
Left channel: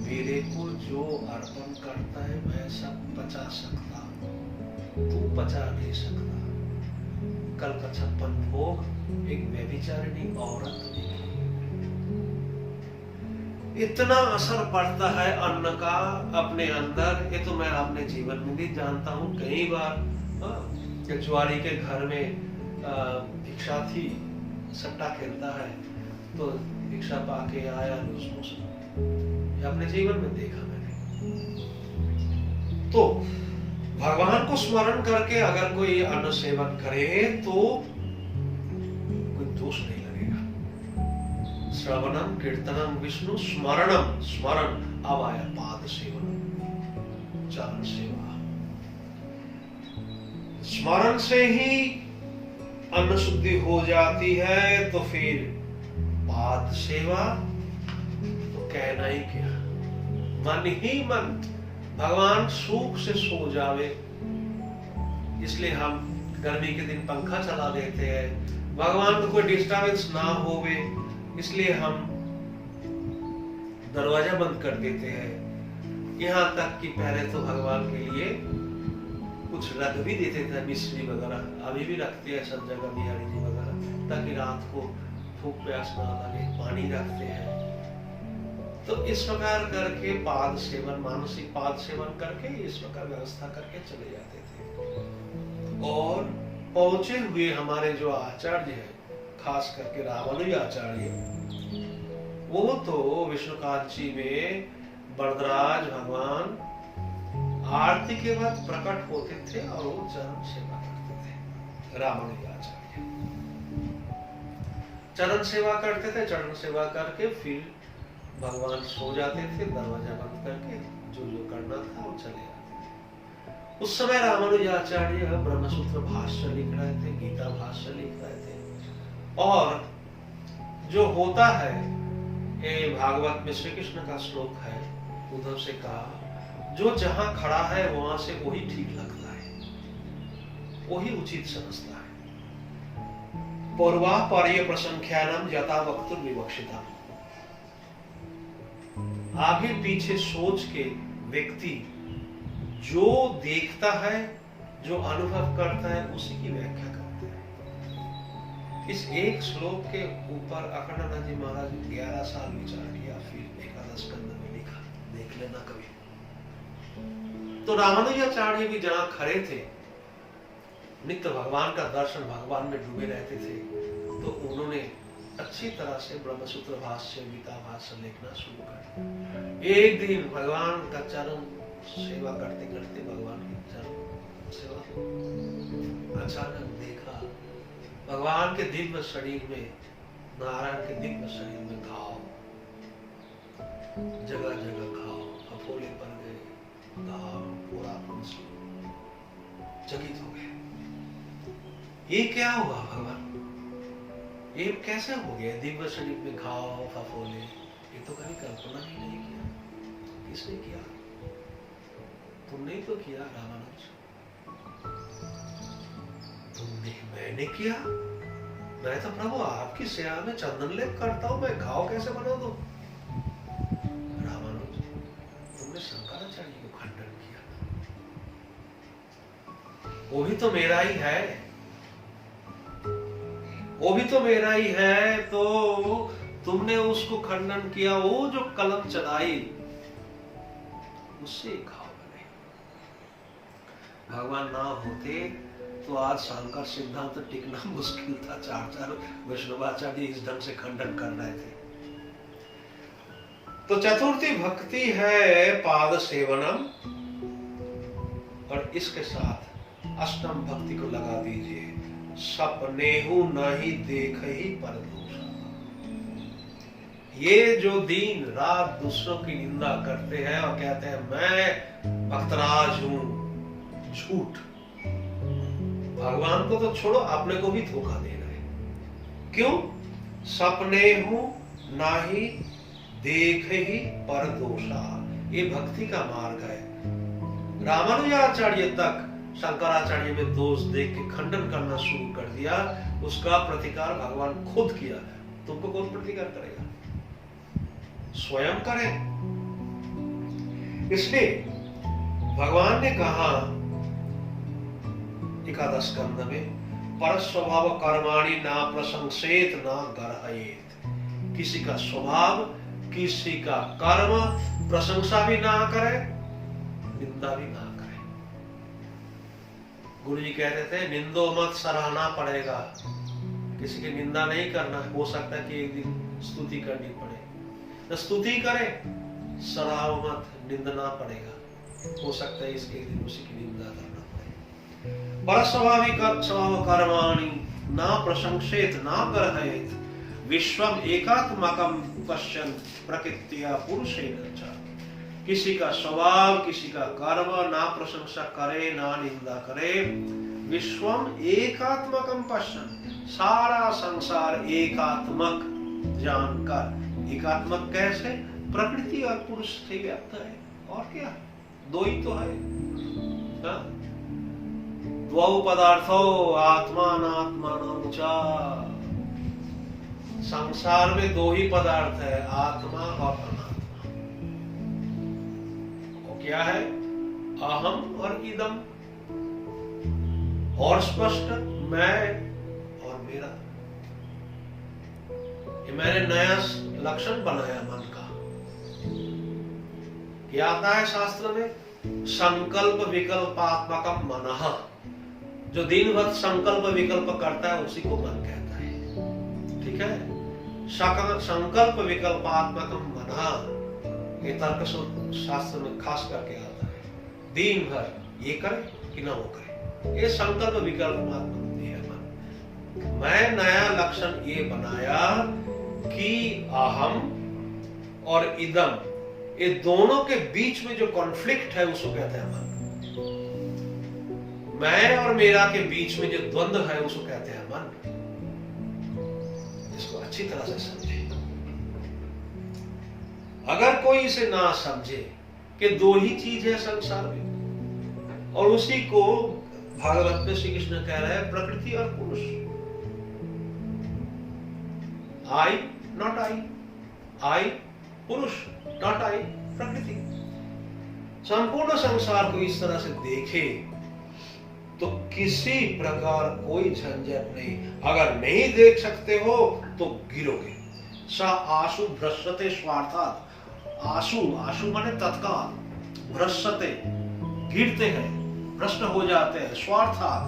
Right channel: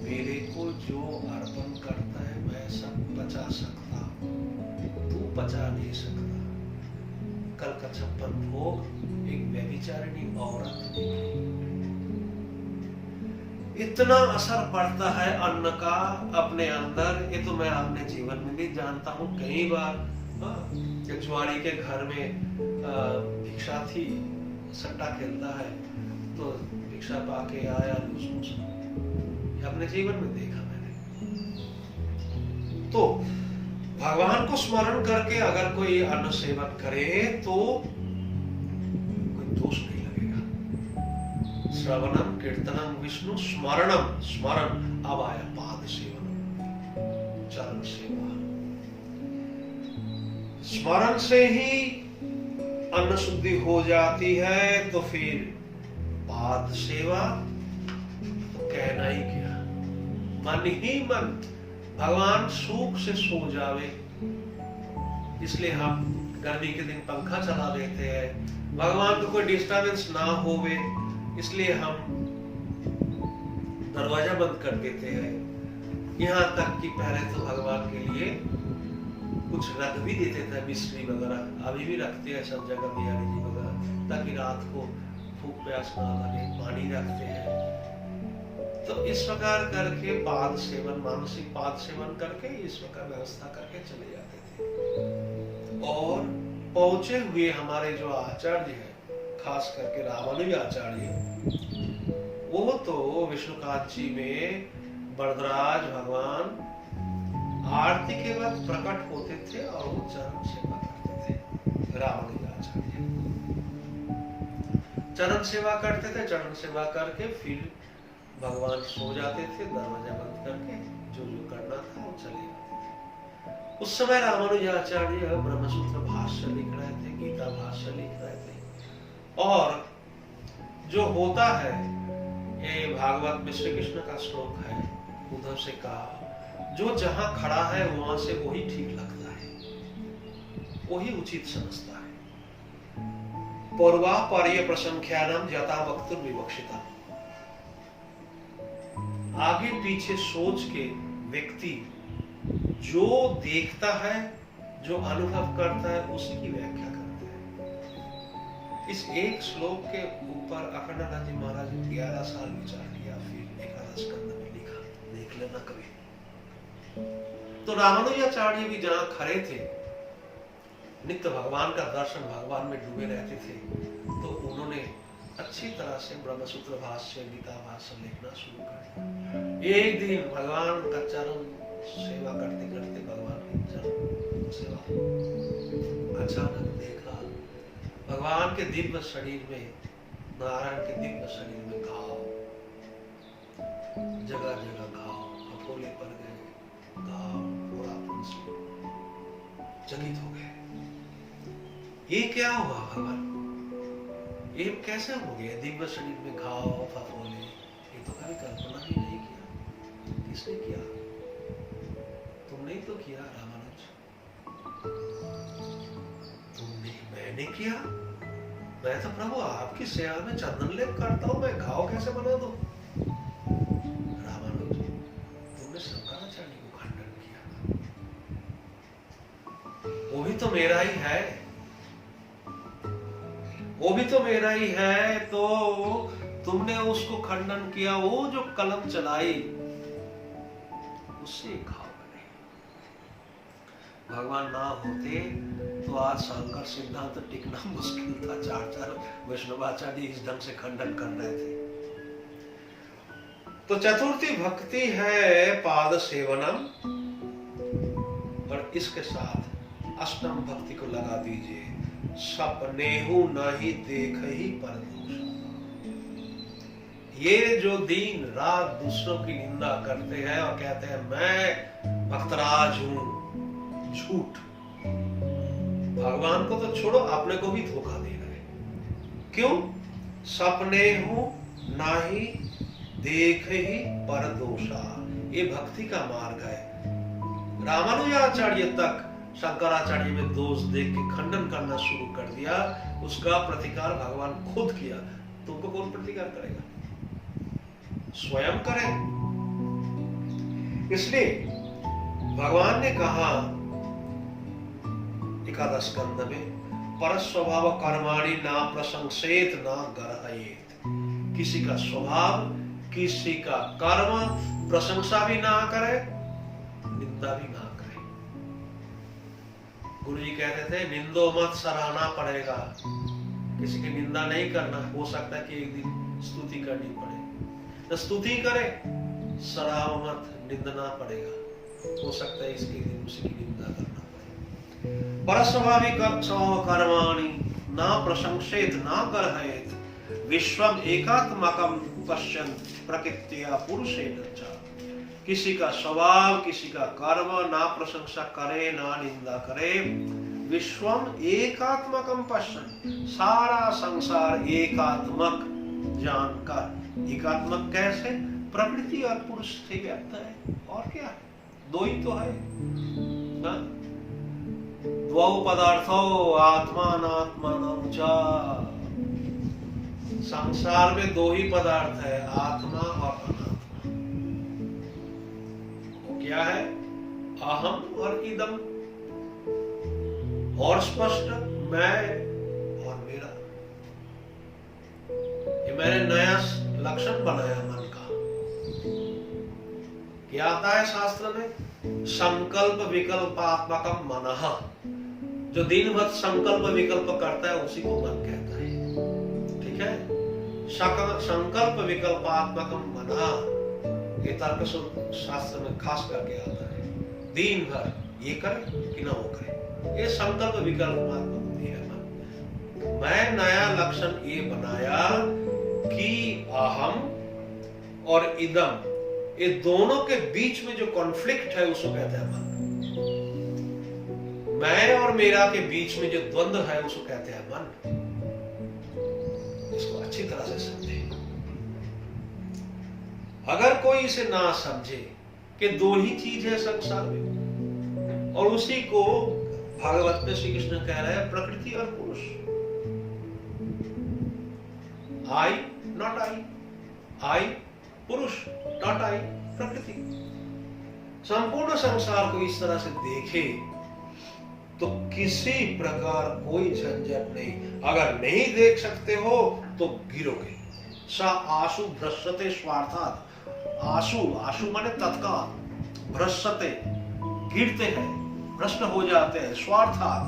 मेरे को जो अर्पण करता है मैं सब पचा सकता हूं, तू पचा नहीं सकता। कल का 56 भोग एक व्यभिचारिणी औरत देखी। इतना असर पड़ता है अन्न का अपने अंदर, ये तो मैं अपने जीवन में भी जानता हूँ। कई बार जुआरी के घर में भिक्षा थी, सट्टा खेलता है तो भिक्षा पाके आया, अपने जीवन में देखा मैंने। तो भगवान को स्मरण करके अगर कोई अन्न सेवन करे तो कोई दोष नहीं लगेगा। श्रवणम कीर्तनम विष्णु स्मरणम, स्मरण। अब आया पाद सेवन, चरण सेवा। स्मरण से ही अन्न शुद्धि हो जाती है, तो फिर पाद सेवा तो कहना ही क्या, मन ही मन भगवान सुख से सो जावे। इसलिए हम गर्मी के दिन पंखा चला देते हैं, भगवान को कोई डिस्टर्बेंस ना होवे, इसलिए हम दरवाजा बंद कर देते हैं। यहाँ तक कि पहले तो भगवान के लिए कुछ रख भी देते थे, मिश्री वगैरह, अभी भी रखते हैं सब जगह बिहारी जी वगैरह, ताकि रात को भूख प्यास ना लगे, पानी रखते हैं। तो इस प्रकार करके पाद सेवन, मानसिक पाद सेवन करके इस प्रकार व्यवस्था करके चले जाते थे। और पहुंचे हुए हमारे जो आचार्य है, खास करके रामानुज आचार्य, वो तो विष्णुकांची में वरदराज भगवान आरती के बाद प्रकट होते थे और वो चरण सेवा करते थे। रामानुज आचार्य चरण सेवा करते थे, चरण सेवा करके फिर भगवान सो जाते थे, दरवाजा बंद करके जो जो करना था वो चले जाते। उस समय रामानुज आचार्य ब्रह्मसूत्र भाष्य लिख रहे थे, गीता भाष्य लिख रहे थे। और जो होता है, ये भागवत में श्री कृष्ण का श्लोक है, उद्धव से कहा, जो जहां खड़ा है वहां से वही ठीक लगता है, वही उचित समझता है। पूर्वा पर्य प्रसंख्यानम यथा वक्तुर विवक्षिता। आगे पीछे सोच के व्यक्ति जो देखता है, जो अनुभव करता है, उसी की व्याख्या करता है। इस एक श्लोक के ऊपर अखंडानंद जी महाराज 11 साल विचार किया, फिर एकादश स्कंद में लिखा, देख लेना कभी। तो रामानुजाचार्य भी जहां खड़े थे, नित्य भगवान का दर्शन, भगवान में डूबे रहते थे, तो उन्होंने अच्छी तरह से ब्रह्मसूत्र भाष्य, गीता भाष्य लिखना शुरू कर। एक दिन भगवान का चरण सेवा करते करते भगवान की चरण सेवा अचानक देखा भगवान के दिव्य शरीर में, नारायण के दिव्य शरीर में घाव, जगह जगह घाव, फफोले पड़ गए, घाव पूरा फुंसी, चकित हो गए। ये क्या हुआ भगवान, ये कैसे हो गया? दिव्य शरीर में घाव, फफोले, ये तो कभी कल्पना ही नहीं किया। किसने किया? तुमने ही तो किया रामानुज। तुमने? मैंने किया? मैं तो प्रभु आपकी सेवा में चंदन लेप करता हूं, मैं घाव कैसे बना दूं? रामानुज, तुमने शंकराचार्य को खंडन किया ना, वो भी तो मेरा ही है, वो भी तो मेरा ही है, तो तुमने उसको खंडन किया, वो जो कलम चलाई उससे घाव बने। भगवान ना होते तो आज शंकर सिद्धांत टिकना मुश्किल था। चार वैष्णवाचार्य इस ढंग से खंडन कर रहे थे। तो चतुर्थी भक्ति है पाद सेवनम, और इसके साथ अष्टम भक्ति को लगा दीजिए, सपनेहु नहीं देख ही पर दूसरा। ये जो दिन रात दूसरों की निंदा करते हैं और कहते हैं मैं भक्तराज हूं, झूठ। भगवान को तो छोड़ो, अपने को भी धोखा दे रहे। क्यों? सपनेहु नाही देख ही पर दोषा, ये भक्ति का मार्ग है। रामानुजाचार्य तक शंकराचार्य में दोष देख के खंडन करना शुरू कर दिया, उसका प्रतिकार भगवान खुद किया। तुमको कौन प्रतिकार करेगा? स्वयं करें। इसलिए भगवान ने कहा एकादश स्कंद में, पर स्वभाव कर्माणि ना प्रशंसेत ना गर्हयेत। किसी का स्वभाव, किसी का कर्म प्रशंसा भी ना करे, निंदा भी ना करे। गुरु जी कहते थे निंदो मत, सराहना पड़ेगा। किसी की निंदा नहीं करना, हो सकता है कि एक दिन स्तुति करनी पड़े, तो स्तुति करे, सराह मत, निंदना पड़ेगा। हो सकता है इसके दिन उसी की निंदा करना पड़े। परस्वाभाविक स्वभाव कर्माणि ना प्रशंसेत ना गर्हयेत, विश्वम एकात्मकम पश्यन्त प्रकृत्या पुरुषेण च। किसी का स्वभाव, किसी का कर्म ना प्रशंसा करे ना निंदा करे, विश्वम एकात्मकम पश्यन्त, सारा संसार एकात्मक जानकर। एकात्मक कैसे? प्रकृति और पुरुष से व्याप्त है, और क्या? दो ही तो है ना? द्वौ पदार्थो आत्मानात्मानं च। संसार में दो ही पदार्थ है, आत्मा और अनात्मा। वो क्या है? अहम और इदम, और स्पष्ट मैं और मेरा। ये मैंने नया लक्षण बनाया मन का। क्या आता है शास्त्र में? संकल्प विकल्पात्मकम मनः। जो दिन भर संकल्प विकल्प करता है उसी को मन कहता है। ठीक है? संकल्प विकल्पात्मकम मनः, ये तर्क शास्त्र में खास करके आता है। दिन भर ये करे कि ना वो करे, ये संकल्प विकल्पात्मक बुद्धि है मन। मैं नया लक्षण ये बनाया कि अहम और इदम, ये दोनों के बीच में जो कॉन्फ्लिक्ट है उसको कहते हैं मन। मैं और मेरा के बीच में जो द्वंद्व है उसको कहते हैं मन। इसको अच्छी तरह से समझे। अगर कोई इसे ना समझे कि दो ही चीज है संसार में, और उसी को भागवत में श्री कृष्ण कह रहे हैं प्रकृति और पुरुष। आई नॉट आई पुरुष, नॉट आई प्रकृति। संपूर्ण संसार को इस तरह से देखे तो किसी प्रकार कोई झंझट नहीं। अगर नहीं देख सकते हो तो गिरोगे। सा आशु भ्रष्यते स्वार्थात्। आशु माने तत्काल, भ्रष्यते गिरते हैं, भ्रष्ट हो जाते हैं। स्वार्थात्,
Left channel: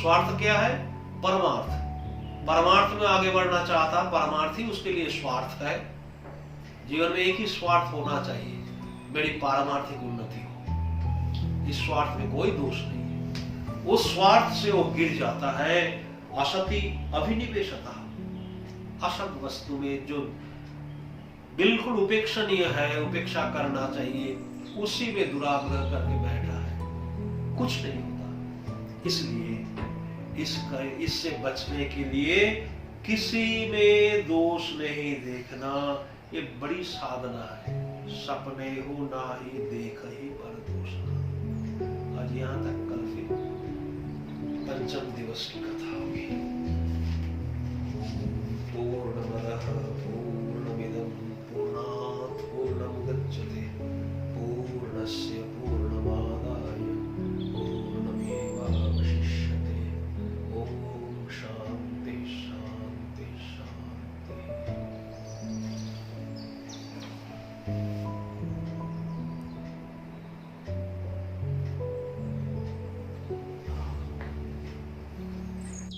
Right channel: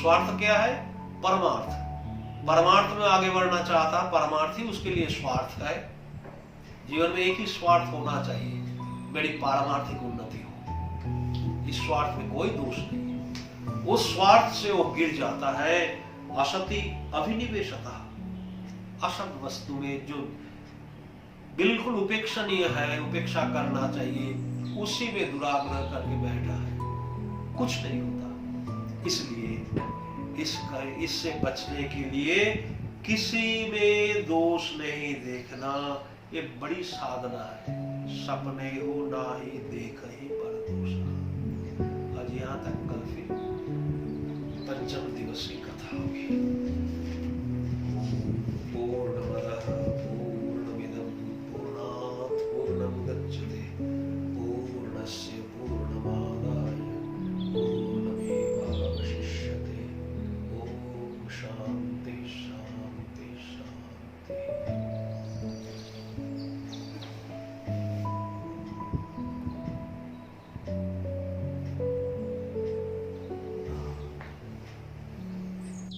स्वार्थ क्या है? परमार्थ, परमार्थ में आगे बढ़ना चाहता, परमार्थ ही उसके लिए स्वार्थ है। जीवन में एक ही स्वार्थ होना चाहिए, मेरी पारमार्थिक उन्नति हो। इस स्वार्थ में कोई दोष नहीं है। उस स्वार्थ से वो गिर जाता है। असति अभिनिवेशता, असत वस्तु में जो बिल्कुल उपेक्षणीय है, उपेक्षा करना चाहिए, उसी में दुराग्रह करके बैठा है, कुछ नहीं होता। इसलिए इससे बचने के लिए किसी में दोष नहीं देखना, ये बड़ी साधना है। सपने हो ना ही देख ही पर दोष। आज यहाँ तक, कल फिर पंचम दिवस की कथा होगी। पूर्णमदः